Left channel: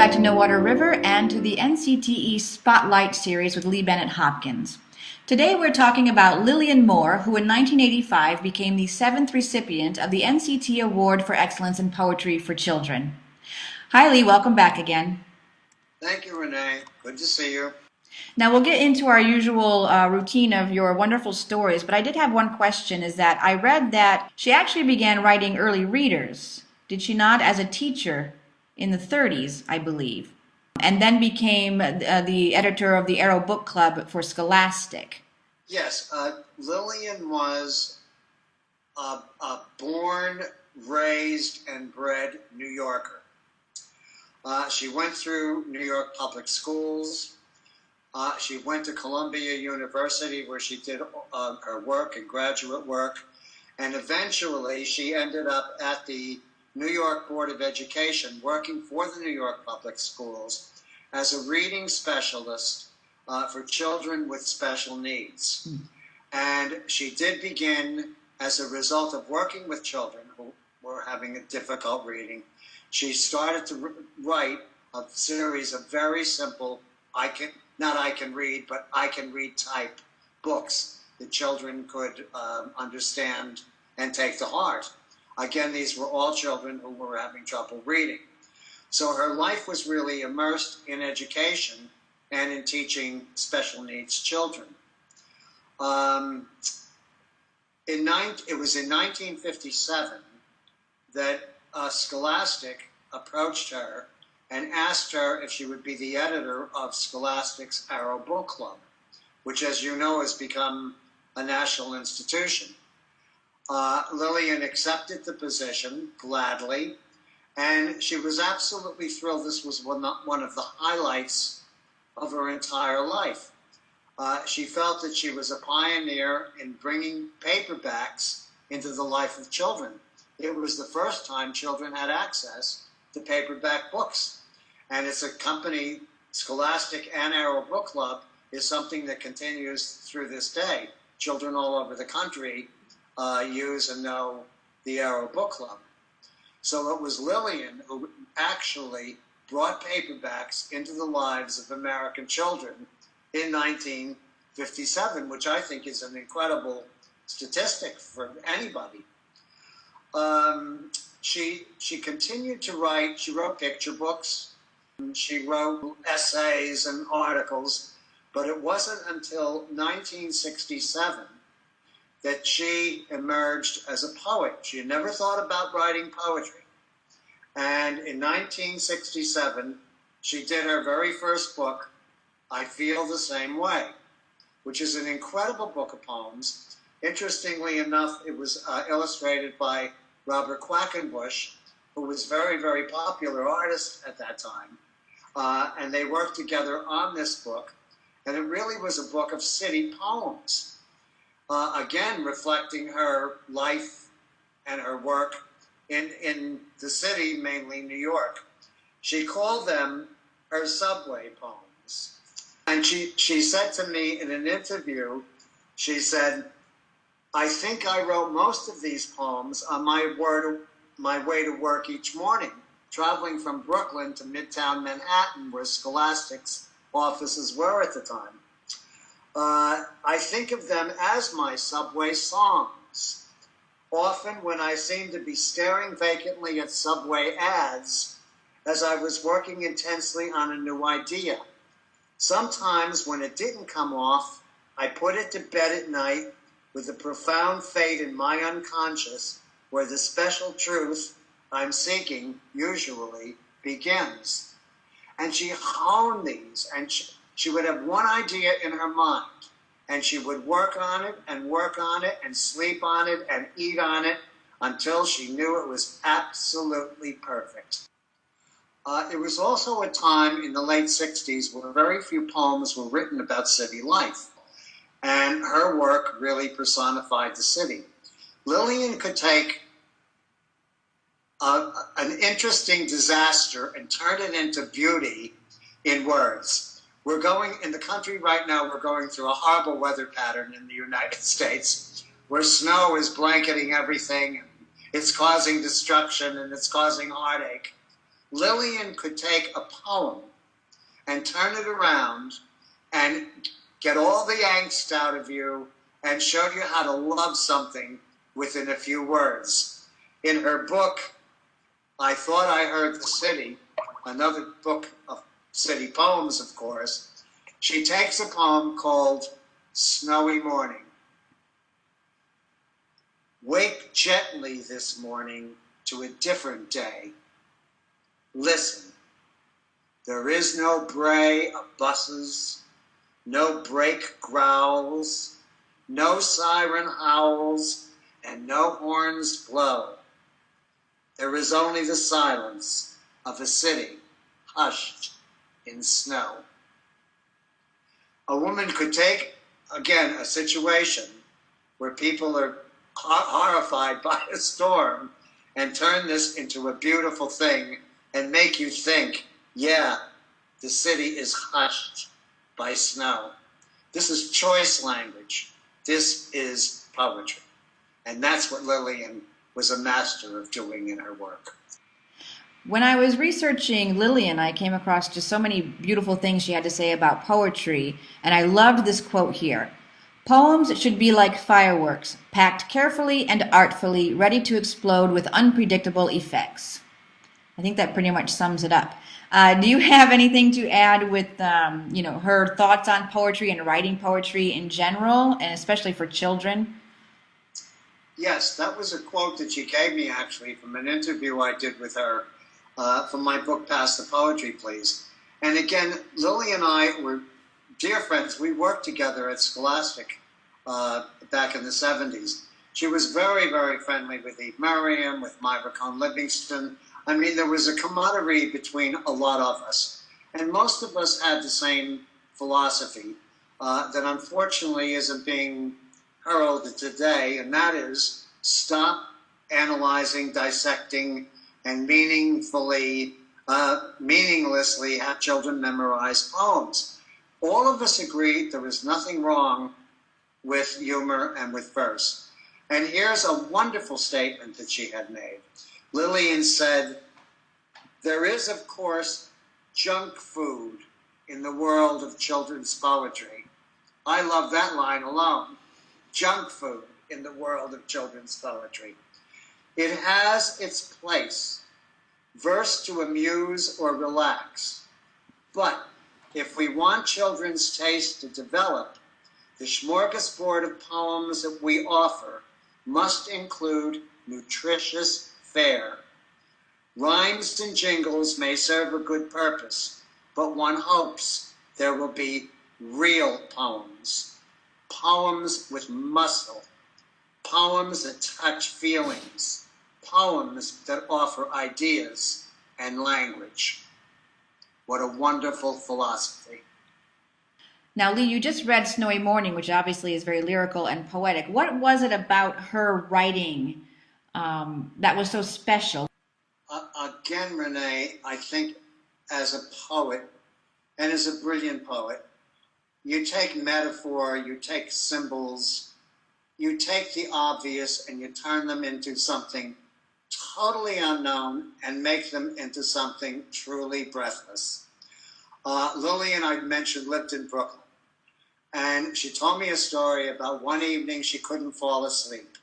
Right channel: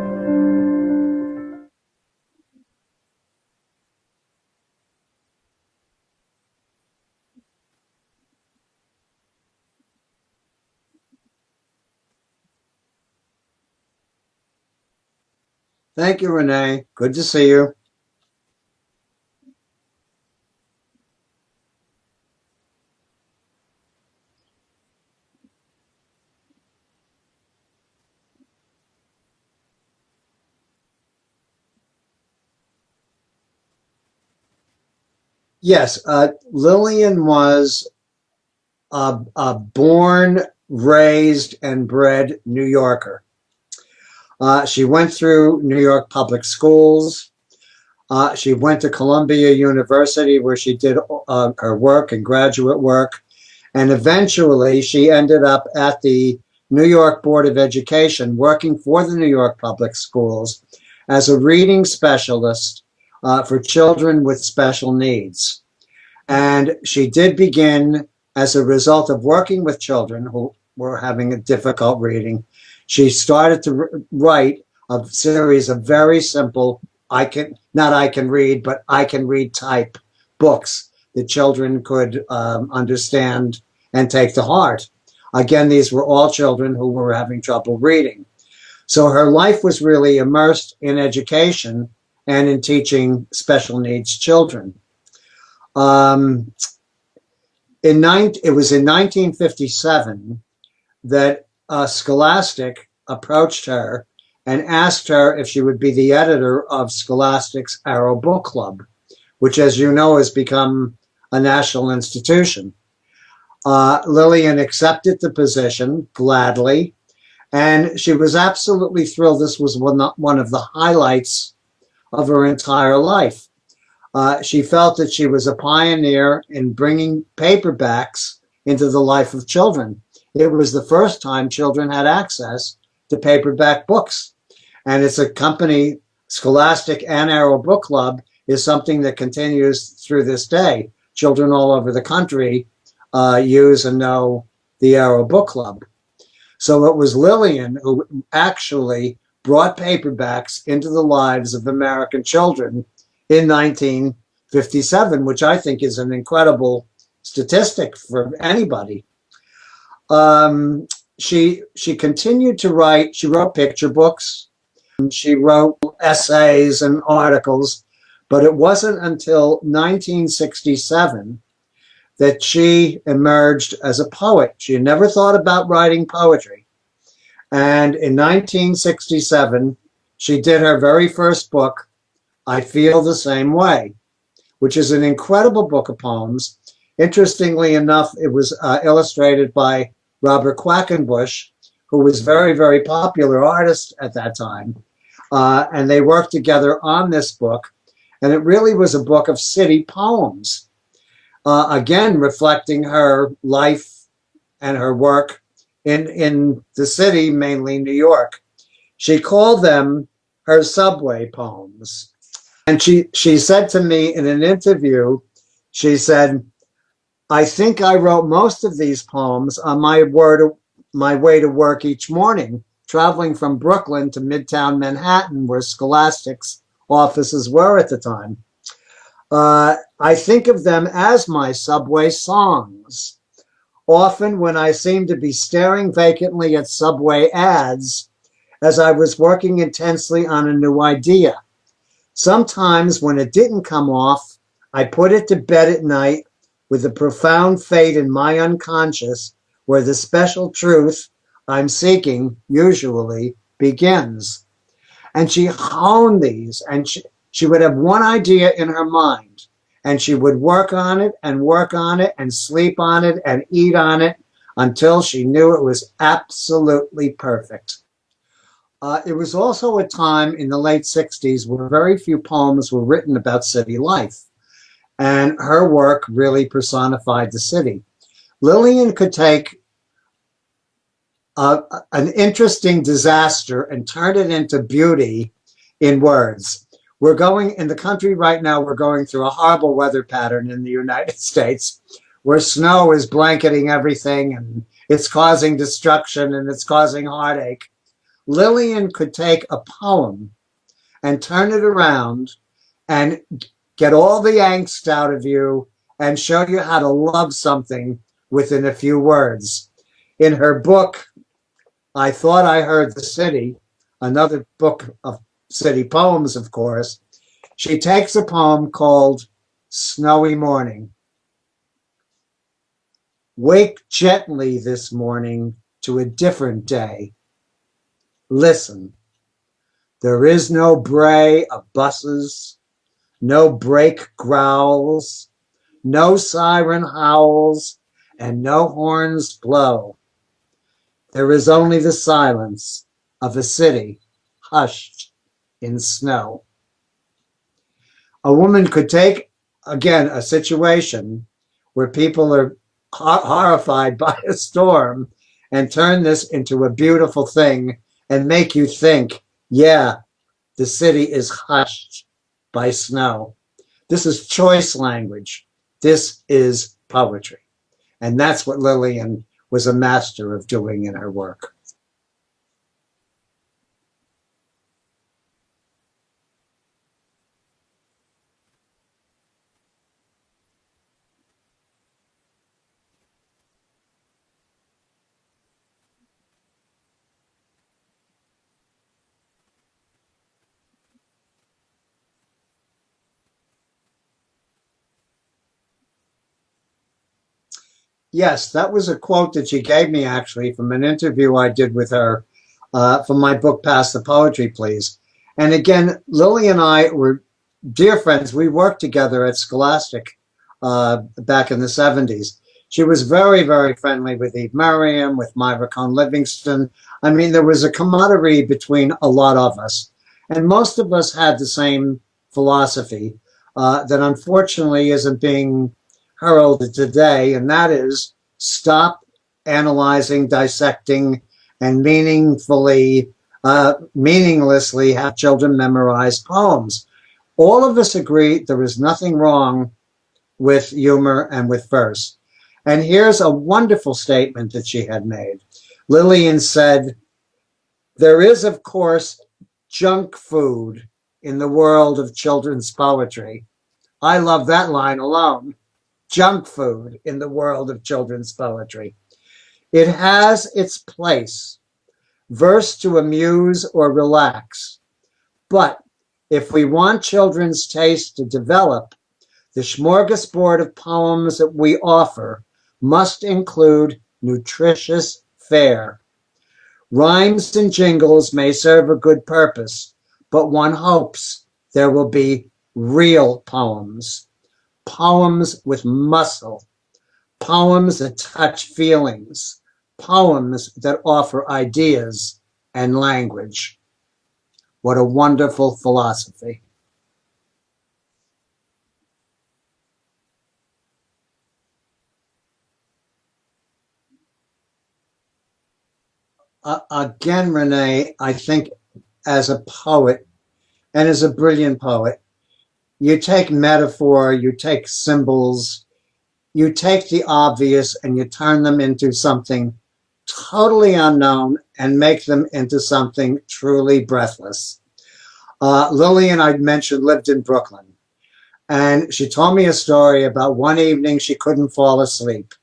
back to No Water River and to the NCTE Spotlight series with Bennett Hopkins. Today we're talking about Lilian Moore, who in 1985 became the 7th recipient of the NCTE Award for Excellence in Poetry for Children. Hi Lee, welcome back again. Thank you, Renee. Good to see you. Now we'll get into our usual routine of your wonderful stories, but I did have one question, is that I read that she actually began writing early readers, did she not, as a teacher in the 30s, I believe, and then became the editor of the Arrow Book Club for Scholastic. Yes, Lilian was a born, raised, and bred New Yorker. She went through New York public schools. She went to Columbia University, where she did her work and graduate work. And eventually, she ended up at the New York Board of Education, working for the New York public schools as a reading specialist for children with special needs. And she did begin, as a result of working with children who were having a difficult reading, she started to write a series of very simple, I can read type books that children could understand and take to heart. Again, these were all children who were having trouble reading. So her life was really immersed in education and in teaching special needs children. It was in 1957 that Scholastic approached her and asked her if she would be the editor of Scholastic's Arrow Book Club, which, as you know, has become a national institution. Lilian accepted the position gladly, and she was absolutely thrilled. This was one of the highlights of her entire life. She felt that she was a pioneer in bringing paperbacks into the life of children. It was the first time children had access to paperback books. And it's a company, Scholastic and Arrow Book Club, is something that continues through this day. Children all over the country use and know the Arrow Book Club. So it was Lilian who actually brought paperbacks into the lives of American children in 1957, which I think is an incredible statistic for anybody. She continued to write. She wrote picture books. She wrote essays and articles, but it wasn't until 1967 that she emerged as a poet. She had never thought about writing poetry. And in 1967, she did her very first book, I Feel the Same Way, which is an incredible book of poems. Interestingly enough, it was illustrated by Robert Quackenbush, who was a very, very popular artist at that time. And they worked together on this book. And it really was a book of city poems. Again, reflecting her life and her work in the city, mainly New York. She called them her subway poems. And she said to me in an interview, she said, I think I wrote most of these poems on my way to work each morning, traveling from Brooklyn to Midtown Manhattan, where Scholastic's offices were at the time. I think of them as my subway songs. Often when I seemed to be staring vacantly at subway ads as I was working intensely on a new idea. Sometimes when it didn't come off, I put it to bed at night with a profound fate in my unconscious where the special truth I'm seeking usually begins. And she honed these, and she would have one idea in her mind, and she would work on it and sleep on it and eat on it until she knew it was absolutely perfect. It was also a time in the late 60s where very few poems were written about city life, and her work really personified the city. Lilian could take an interesting disaster and turn it into beauty in words. We're going, in the country right now, we're going through a horrible weather pattern in the United States where snow is blanketing everything and it's causing destruction and it's causing heartache. Lilian could take a poem and turn it around and get all the angst out of you and show you how to love something within a few words. In her book, I Thought I Heard the City, another book of city poems, of course, she takes a poem called Snowy Morning. Wake gently this morning to a different day. Listen, there is no bray of buses, no brake growls, no siren howls, and no horns blow. There is only the silence of a city hushed in snow. A woman could take, again, a situation where people are horrified by a storm and turn this into a beautiful thing and make you think, yeah, the city is hushed by snow. This is choice language. This is poetry. And that's what Lilian was a master of doing in her work. When I was researching Lilian, I came across just so many beautiful things she had to say about poetry, and I loved this quote here. Poems should be like fireworks, packed carefully and artfully, ready to explode with unpredictable effects. I think that pretty much sums it up. Do you have anything to add with, her thoughts on poetry and writing poetry in general, and especially for children? Yes, that was a quote that she gave me actually from an interview I did with her for my book, Pass the Poetry, Please. And again, Lily and I were dear friends. We worked together at Scholastic back in the 70s. She was very, very friendly with Eve Merriam, with Myra Cohn Livingston. I mean, there was a camaraderie between a lot of us. And most of us had the same philosophy that unfortunately isn't being heralded today, and that is stop analyzing, dissecting, and meaninglessly have children memorize poems. All of us agree there is nothing wrong with humor and with verse. And here's a wonderful statement that she had made. Lilian said, there is, of course, junk food in the world of children's poetry. I love that line alone. Junk food in the world of children's poetry. It has its place, verse to amuse or relax. But if we want children's taste to develop, the smorgasbord of poems that we offer must include nutritious fare. Rhymes and jingles may serve a good purpose, but one hopes there will be real poems. Poems with muscle, poems that touch feelings, poems that offer ideas and language. What a wonderful philosophy. Now, Lee, you just read Snowy Morning, which obviously is very lyrical and poetic. What was it about her writing that was so special? Again, Renee, I think as a poet and as a brilliant poet, you take metaphor, you take symbols, you take the obvious and you turn them into something totally unknown and make them into something truly breathless. Lilian, I mentioned, lived in Brooklyn. And she told me a story about one evening she couldn't fall asleep.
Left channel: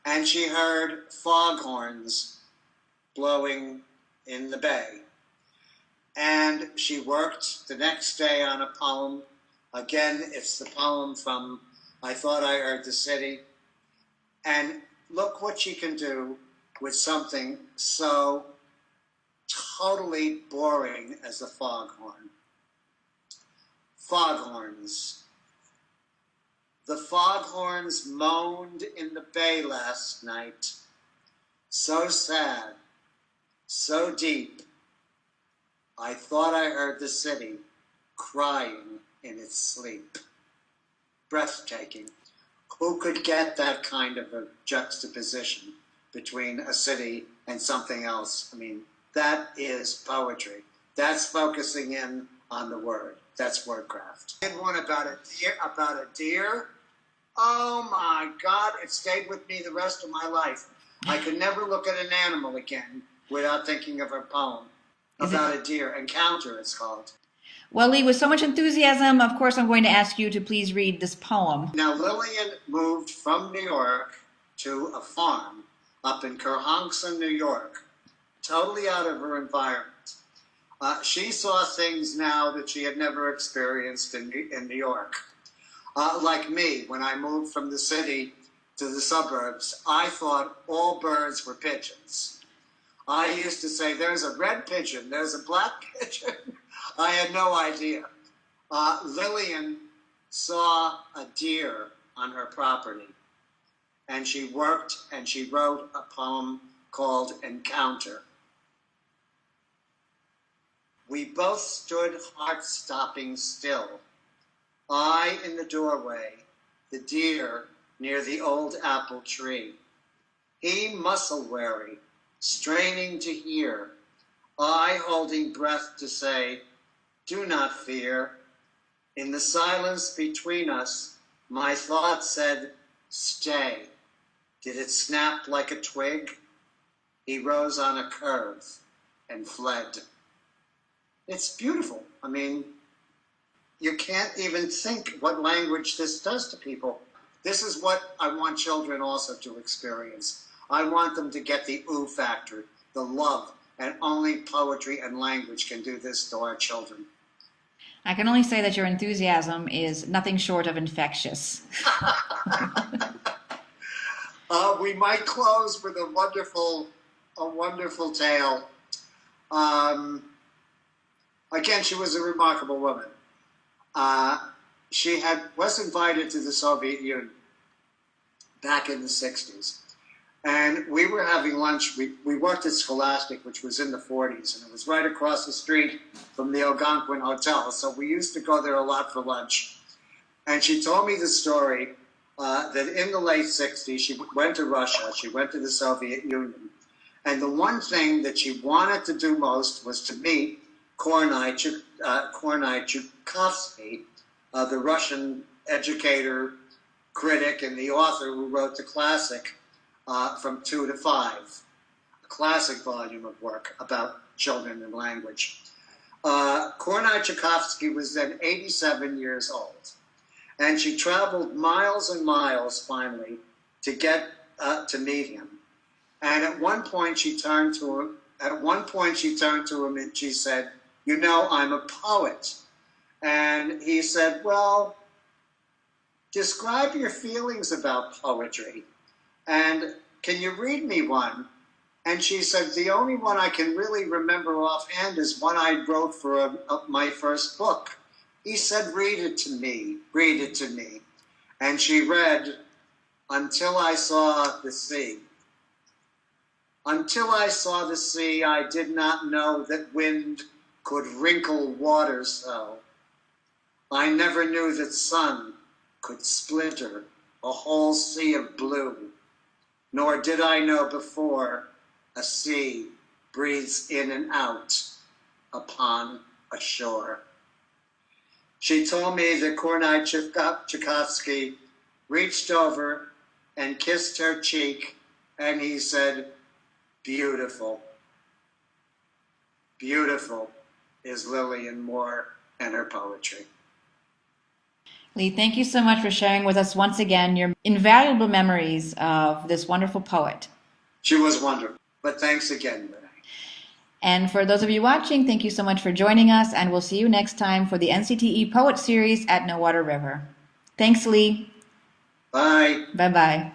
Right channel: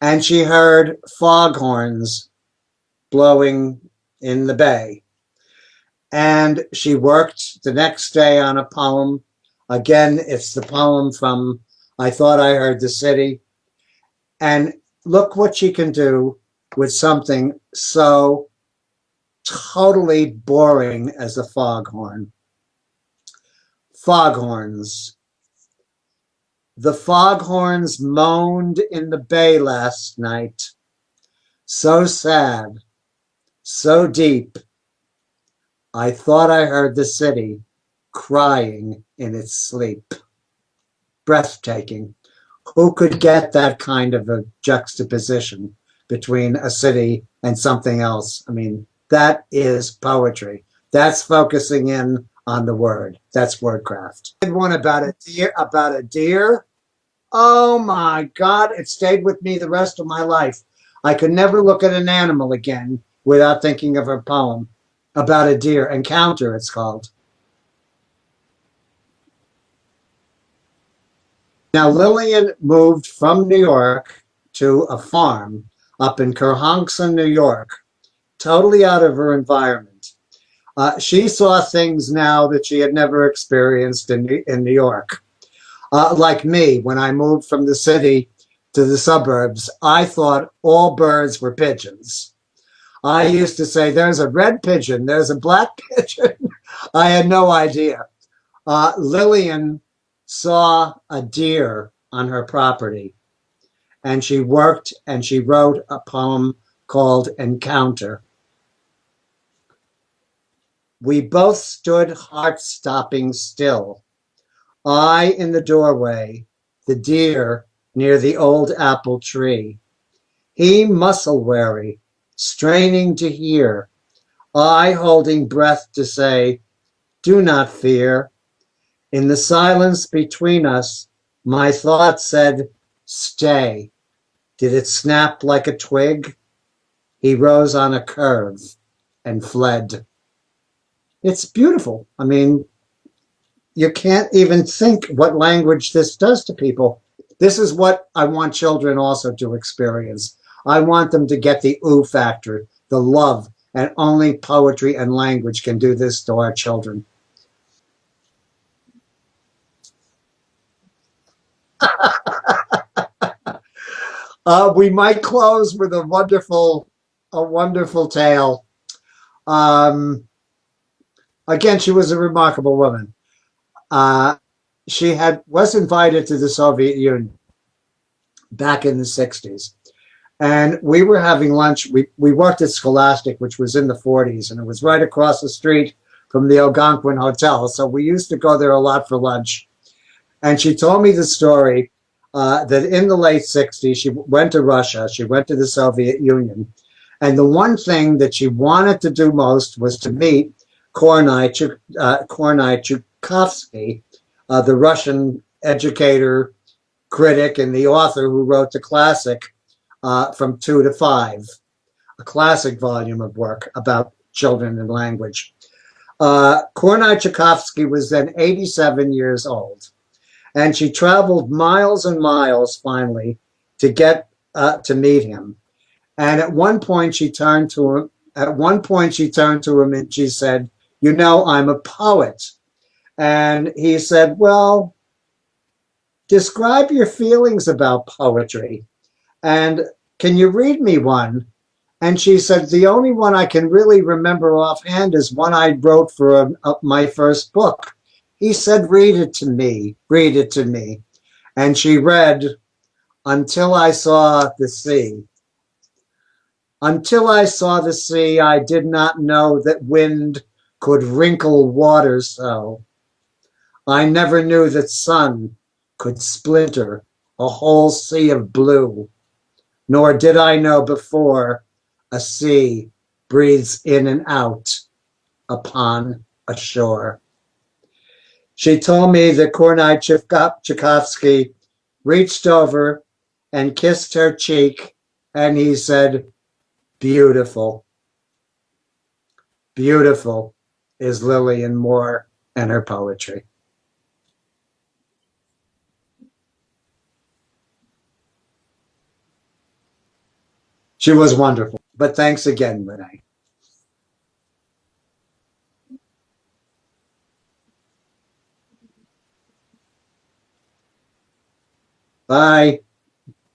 And she heard foghorns blowing in the bay. And she worked the next day on a poem. Again, it's the poem from I Thought I Heard the City. And look what she can do with something so totally boring as a foghorn. Foghorns. The foghorns moaned in the bay last night. So sad, so deep. I thought I heard the city crying in its sleep. Breathtaking. Who could get that kind of a juxtaposition between a city and something else? I mean, that is poetry. That's focusing in on the word. That's wordcraft. I did one about a deer. Oh my God, it stayed with me the rest of my life. I could never look at an animal again without thinking of her poem about a deer. Encounter, it's called. Well, Lee, with so much enthusiasm, of course, I'm going to ask you to please read this poem. Now, Lilian moved from New York to a farm up in Kerhonkson, New York, totally out of her environment. She saw things now that she had never experienced in New York. Like me, when I moved from the city to the suburbs, I thought all birds were pigeons. I used to say, there's a red pigeon, there's a black pigeon. I had no idea. Lilian saw a deer on her property, and she worked and she wrote a poem called Encounter. We both stood heart-stopping still. I in the doorway, the deer near the old apple tree. He muscle-weary, straining to hear. I holding breath to say, do not fear. In the silence between us, my thought said, stay. Did it snap like a twig? He rose on a curve and fled. It's beautiful. I mean, you can't even think what language this does to people. This is what I want children also to experience. I want them to get the ooh factor, the love, and only poetry and language can do this to our children. I can only say that your enthusiasm is nothing short of infectious. We might close with a wonderful tale. Again, she was a remarkable woman. She was invited to the Soviet Union back in the 60s. And we were having lunch. We worked at Scholastic, which was in the 40s, and it was right across the street from the Algonquin Hotel. So we used to go there a lot for lunch. And she told me the story that in the late 60s, she went to Russia, she went to the Soviet Union. And the one thing that she wanted to do most was to meet Kornei Chukovsky, the Russian educator, critic, and the author who wrote the classic From Two to Five, a classic volume of work about children and language. Kornei Chukovsky was then 87 years old, and she traveled miles and miles finally to get to meet him. And at one point she turned to him. And she said, "You know, I'm a poet." And he said, "Well, describe your feelings about poetry. And can you read me one?" And she said, "The only one I can really remember offhand is one I wrote for my first book." He said, read it to me. And she read, "Until I saw the sea. Until I saw the sea, I did not know that wind could wrinkle water so. I never knew that sun could splinter a whole sea of blue, nor did I know before a sea breathes in and out upon a shore." She told me that Kornei Chukovsky reached over and kissed her cheek, and he said, "Beautiful. Beautiful is Lilian Moore and her poetry." Lee, thank you so much for sharing with us once again your invaluable memories of this wonderful poet. She was wonderful. But thanks again, Renee. And for those of you watching, thank you so much for joining us, and we'll see you next time for the NCTE Poet Series at No Water River. Thanks, Lee. Bye. Bye-bye.